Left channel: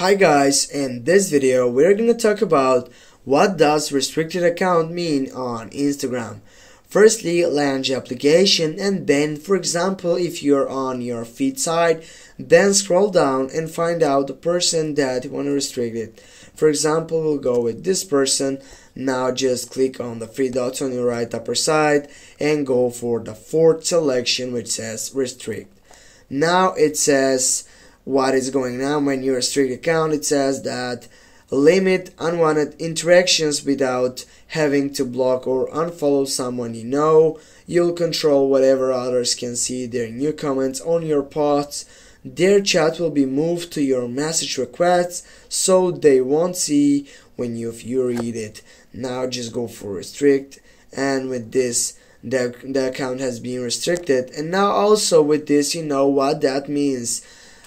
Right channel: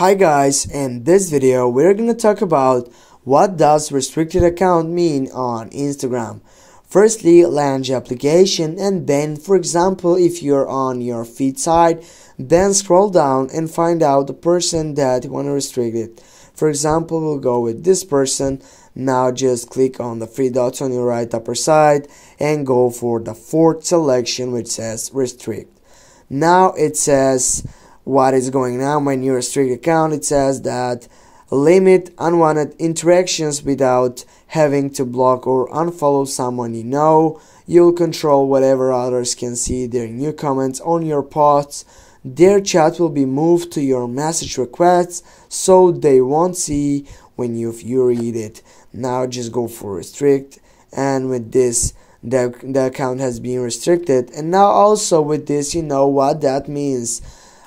Hi guys, in this video we're going to talk about what does restricted account mean on Instagram. Firstly, launch application, and then for example if you're on your feed side, then scroll down and find out the person that you want to restrict it. For example, we'll go with this person. Now just click on the three dots on your right upper side and go for the fourth selection which says restrict. Now it says what is going on when you restrict account. It says that limit unwanted interactions without having to block or unfollow someone you know. You'll control whatever others can see their new comments on your posts. Their chat will be moved to your message requests so they won't see when you read it. Now just go for restrict, and with this the account has been restricted. And now also with this, you know what that means.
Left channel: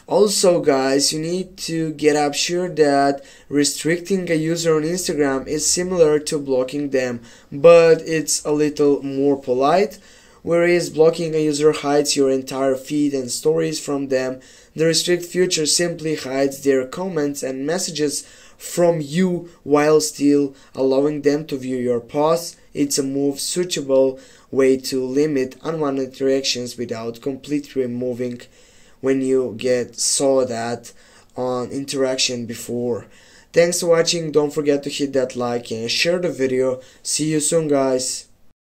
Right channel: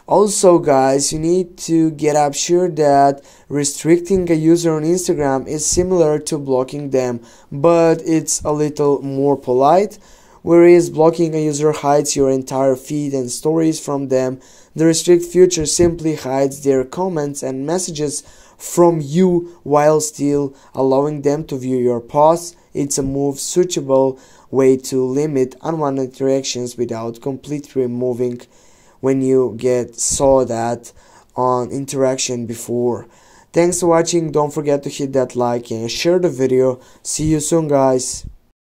Also guys, you need to get up sure that restricting a user on Instagram is similar to blocking them, but it's a little more polite. Whereas blocking a user hides your entire feed and stories from them, the restrict feature simply hides their comments and messages from you while still allowing them to view your posts. It's a suitable way to limit unwanted interactions without completely removing when you saw that on interaction before. Thanks for watching. Don't forget to hit that like and share the video. See you soon guys.